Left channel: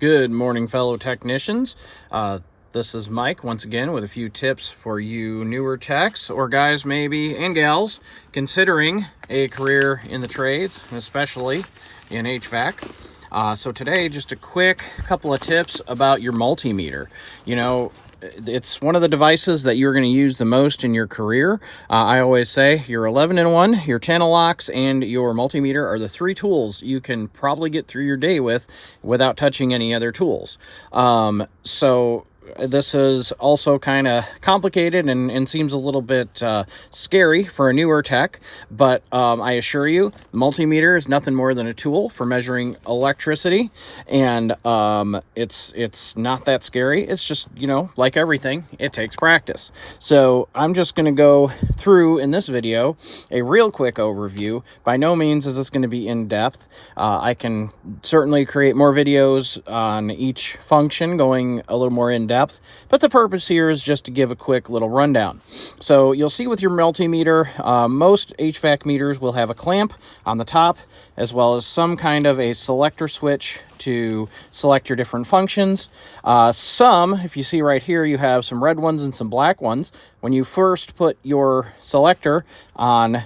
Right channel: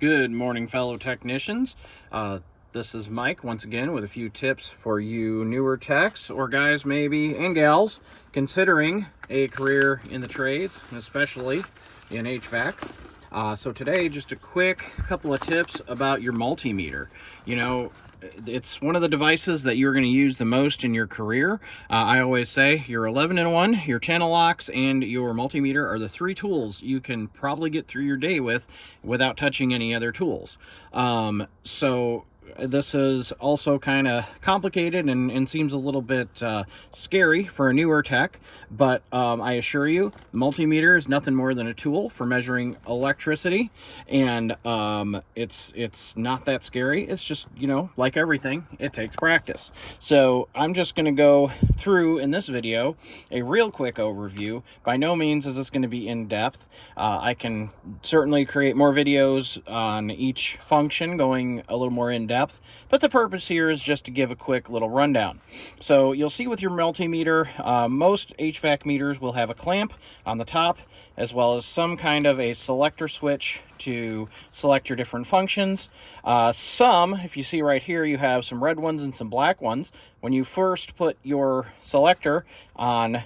Good morning, fellow technicians. This is Mike once again with a few tips for you newer techs or guys maybe and gals considering a career in the trades, especially in HVAC. So today, just a quick couple of tips about your multimeter. You know, it's one of the devices that you're going to use the most in your career. I always say your 11-in-1, your channel locks, and your multimeter are the three tools you can probably get through your day without touching any other tools. So this is also kind of complicated and seems a little bit scary for a newer tech, but I assure you, multimeter is nothing more than a tool for measuring electricity, and it's not that scary. It's just, you know, like everything, it takes practice. So I'm just going to go through in this video a real quick overview. By no means is this going to be in depth. I can certainly create more videos on each function going a little more in depth, but the purpose here is just to give a quick little rundown. So you'll see with your multimeter, most HVAC meters will have a clamp on the top, as well as some kind of a selector switch to select your different functions. Some, if you see right here, you have some red ones and some black ones. When you first put your selector on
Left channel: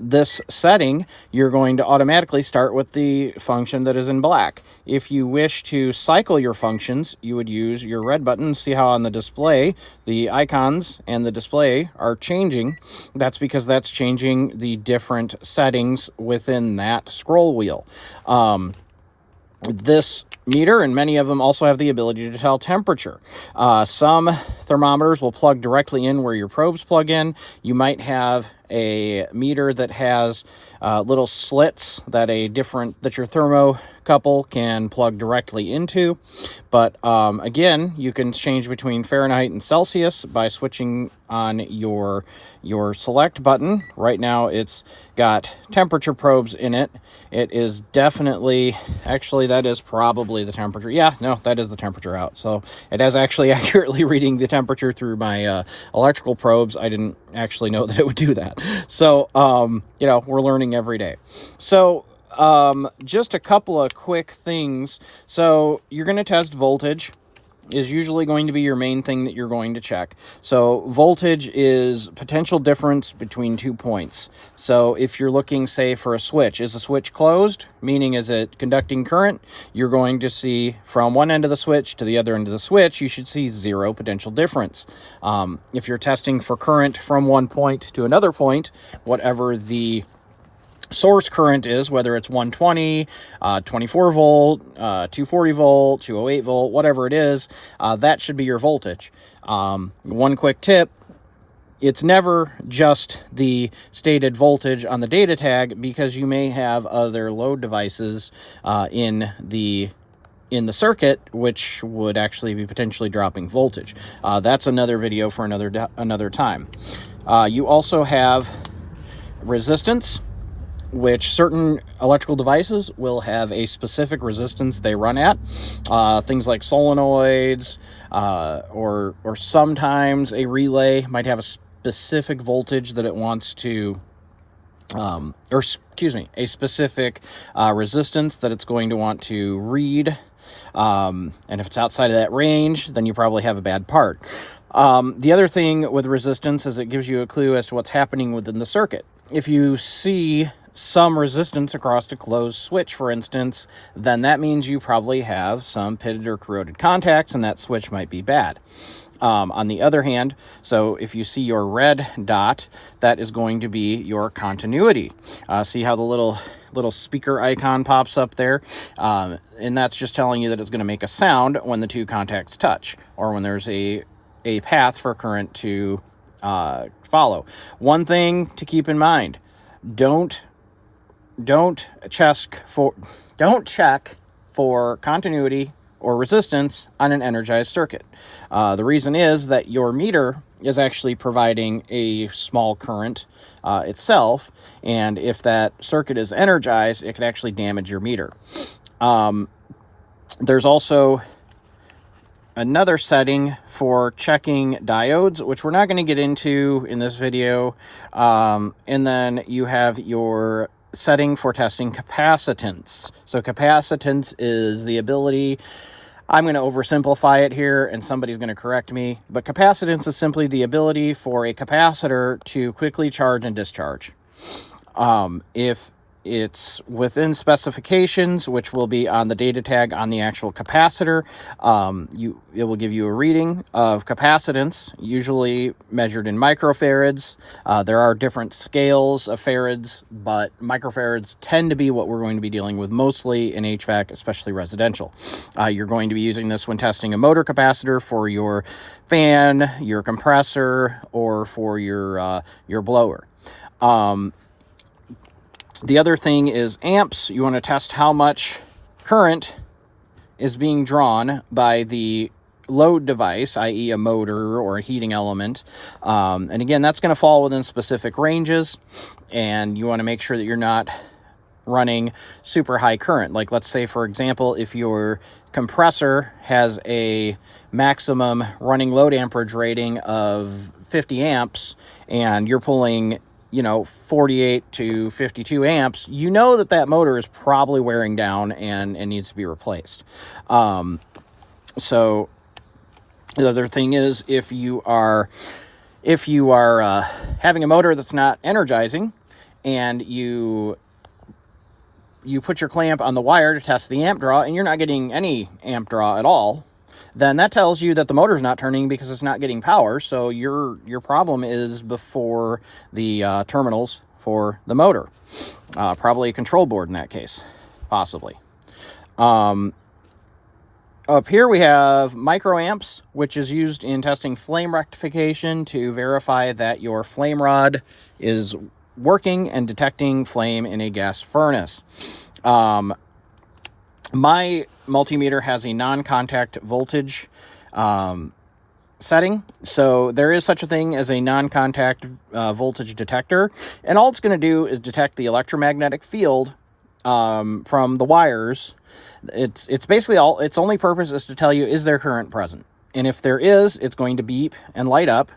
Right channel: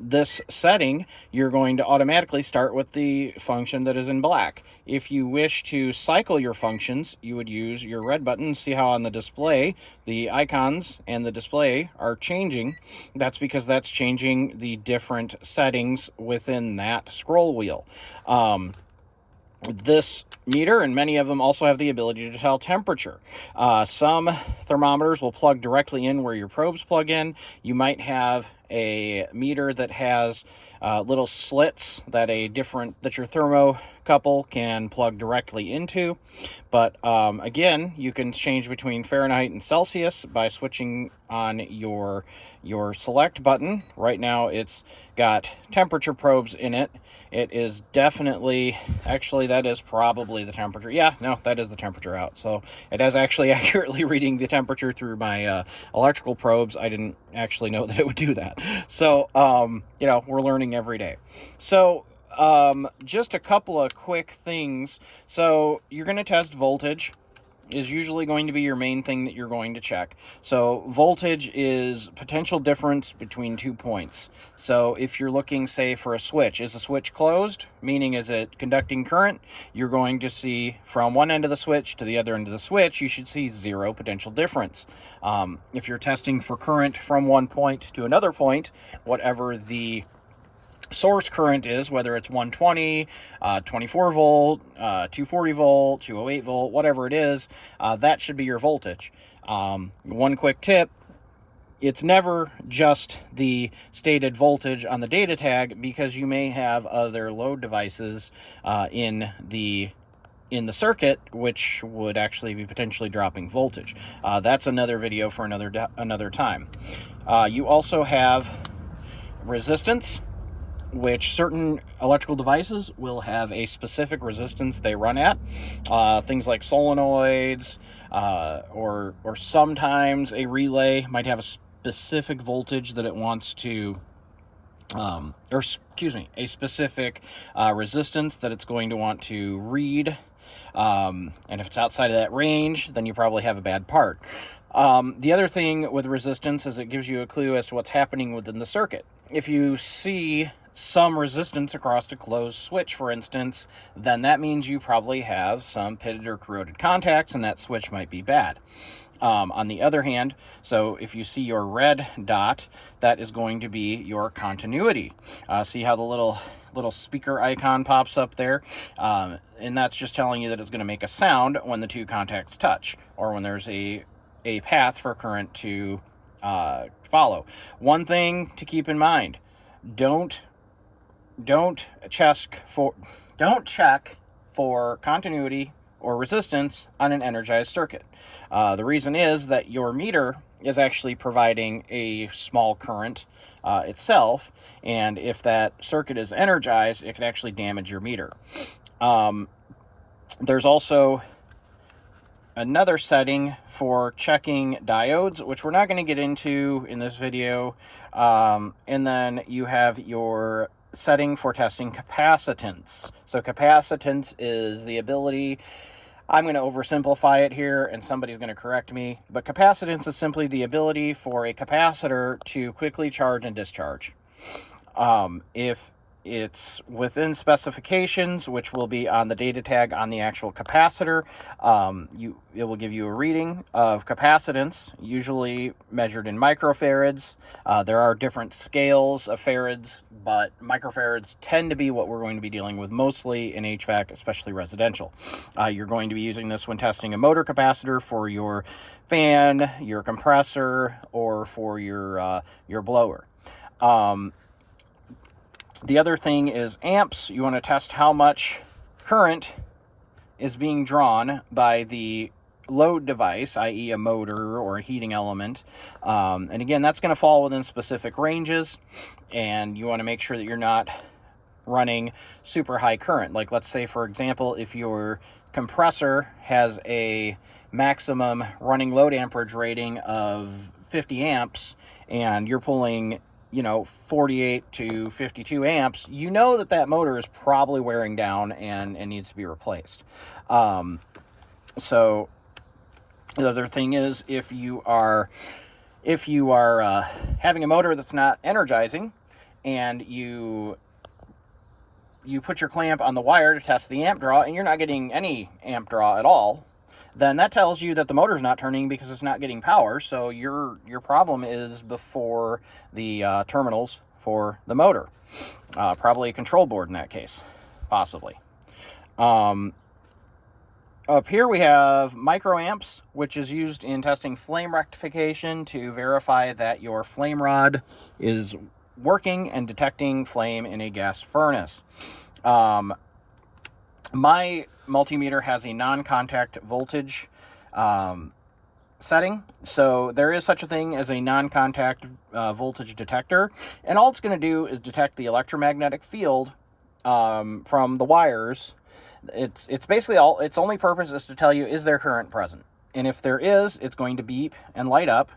this setting, you're going to automatically start with the function that is in black. If you wish to cycle your functions, you would use your red button. See how on the display the icons and the display are changing? That's because that's changing the different settings within that scroll wheel. This meter and many of them also have the ability to tell temperature. Some thermometers will plug directly in where your probes plug in. You might have a meter that has little slits that your thermocouple can plug directly into. But again, you can change between Fahrenheit and Celsius by switching on your select button. Right now it's got temperature probes in it. It is definitely, actually that is probably the temperature. Yeah, no, that is the temperature out. So it has actually accurately reading the temperature through my electrical probes. I didn't actually know that it would do that. So, you know, we're learning every day. So, just a couple of quick things. So you're going to test voltage. Is usually going to be your main thing that you're going to check. So voltage is potential difference between 2 points. So if you're looking, say, for a switch, is the switch closed, meaning is it conducting current, you're going to see from one end of the switch to the other end of the switch, you should see 0 potential difference. If you're testing for current from one point to another point, whatever the source current is, whether it's 120, 24 volt, 240 volt, 208 volt, whatever it is, that should be your voltage. One quick tip: it's never just the stated voltage on the data tag, because you may have other load devices in the circuit which would actually be potentially dropping voltage. That's another video for another time. You also have resistance, which certain electrical devices will have a specific resistance they run at. Things like solenoids, or sometimes a relay might have a specific voltage that it wants to, a specific resistance that it's going to want to read. And if it's outside of that range, then you probably have a bad part. The other thing with resistance is it gives you a clue as to what's happening within the circuit. If you see some resistance across a closed switch, for instance, then that means you probably have some pitted or corroded contacts, and that switch might be bad. On the other hand, so if you see your red dot, that is going to be your continuity. See how the little speaker icon pops up there? And that's just telling you that it's going to make a sound when the two contacts touch, or when there's a path for current to follow. One thing to keep in mind: don't check for continuity or resistance on an energized circuit. The reason is that your meter is actually providing a small current itself, and if that circuit is energized, it could actually damage your meter. There's also another setting for checking diodes, which we're not going to get into in this video. And then you have your setting for testing capacitance. So capacitance is the ability I'm going to oversimplify it here and somebody's going to correct me, but capacitance is simply the ability for a capacitor to quickly charge and discharge. If it's within specifications, which will be on the data tag on the actual capacitor, it will give you a reading of capacitance, usually measured in microfarads. There are different scales of farads, but microfarads tend to be what we're going to be dealing with mostly in HVAC, especially residential. You're going to be using this when testing a motor capacitor for your fan, your compressor, or for your blower. The other thing is amps. You want to test how much current is being drawn by the load device, i.e. a motor or a heating element. And again, that's going to fall within specific ranges, and you want to make sure that you're not running super high current. Like, let's say, for example, if your compressor has a maximum running load amperage rating of 50 amps and you're pulling 48 to 52 amps, you know that motor is probably wearing down and needs to be replaced. So the other thing is, if you are having a motor that's not energizing, and you put your clamp on the wire to test the amp draw and you're not getting any amp draw at all, then that tells you that the motor's not turning because it's not getting power. So your problem is before the terminals for the motor. Probably a control board in that case, possibly. Up here we have microamps, which is used in testing flame rectification to verify that your flame rod is working and detecting flame in a gas furnace. My multimeter has a non-contact voltage setting, so there is such a thing as a non-contact voltage detector, and all it's going to do is detect the electromagnetic field from the wires. It's basically its only purpose is to tell you, is there current present? And if there is, it's going to beep and light up.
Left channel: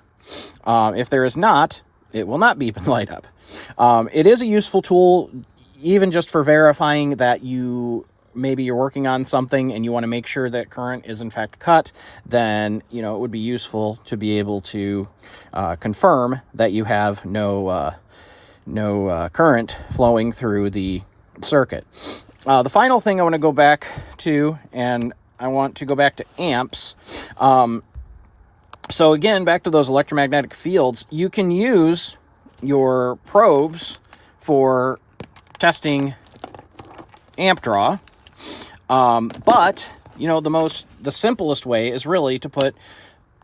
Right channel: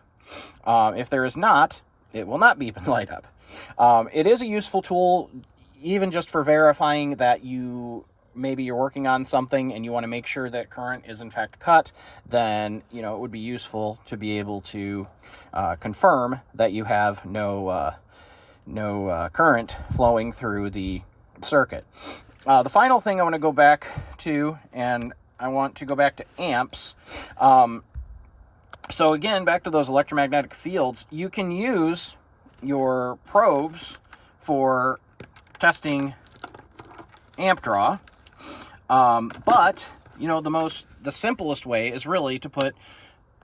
If there is not, it will not beep and light up. It is a useful tool, even just for verifying that maybe you're working on something and you want to make sure that current is in fact cut. Then it would be useful to be able to confirm that you have no current flowing through the circuit. The final thing I want to go back to, and I want to go back to amps. So again, back to those electromagnetic fields, you can use your probes for testing amp draw. But the simplest way is really to put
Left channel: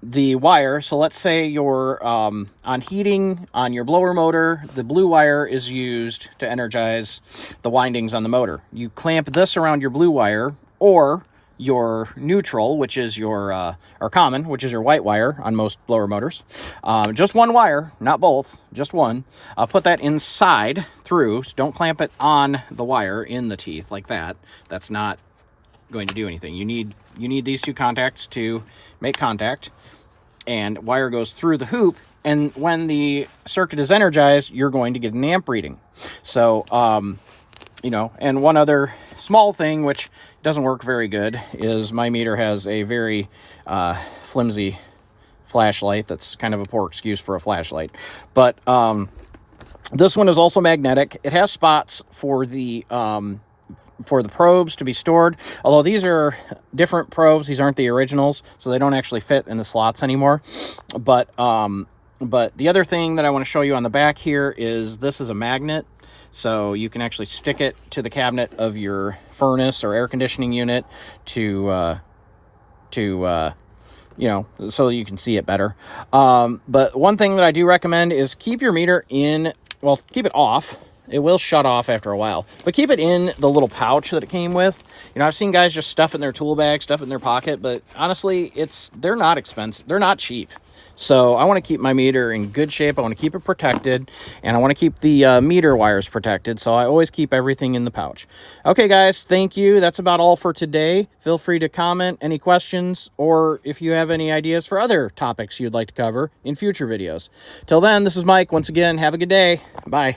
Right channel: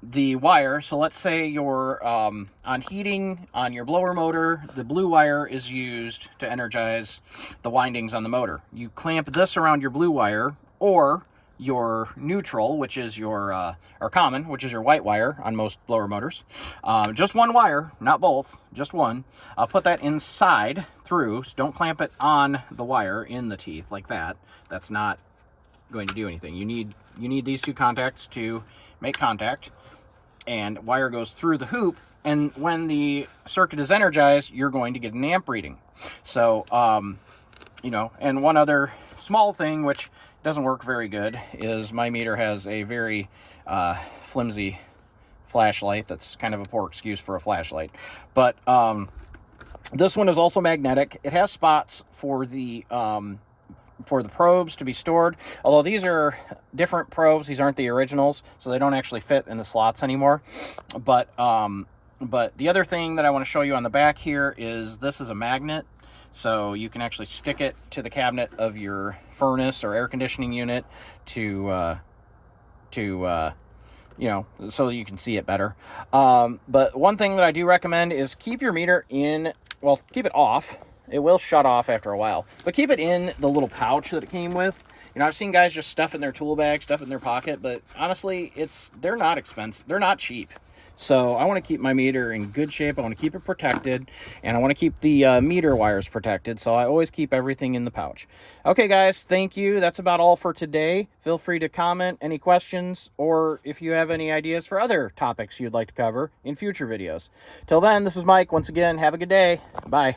the wire. So let's say you're on heating on your blower motor. The blue wire is used to energize the windings on the motor. You clamp this around your blue wire, or your neutral, which is or common, which is your white wire on most blower motors. Just one wire, not both, just one. Put that inside through, so don't clamp it on the wire in the teeth like that. That's not going to do anything. You need these two contacts to make contact, and wire goes through the hoop, and when the circuit is energized, you're going to get an amp reading. So and one other small thing which doesn't work very good is my meter has a very flimsy flashlight. That's kind of a poor excuse for a flashlight, but this one is also magnetic. It has spots for the probes to be stored, although these are different probes. These aren't the originals, so they don't actually fit in the slots anymore. But the other thing that I want to show you on the back here is this is a magnet, so you can actually stick it to the cabinet of your furnace or air conditioning unit to so you can see it better. But one thing that I do recommend is keep your meter keep it off. It will shut off after a while, but keep it in the little pouch that it came with. I've seen guys just stuff it in their tool bag, stuff it in their pocket, but honestly, they're not expensive. They're not cheap. So I want to keep my meter in good shape. I want to keep it protected, and I want to keep the meter wires protected. So I always keep everything in the pouch. Okay, guys, thank you. That's about all for today. Feel free to comment any questions, or if you have any ideas for other topics you'd like to cover in future videos. Till then, this is Mike. Once again, have a good day. Bye.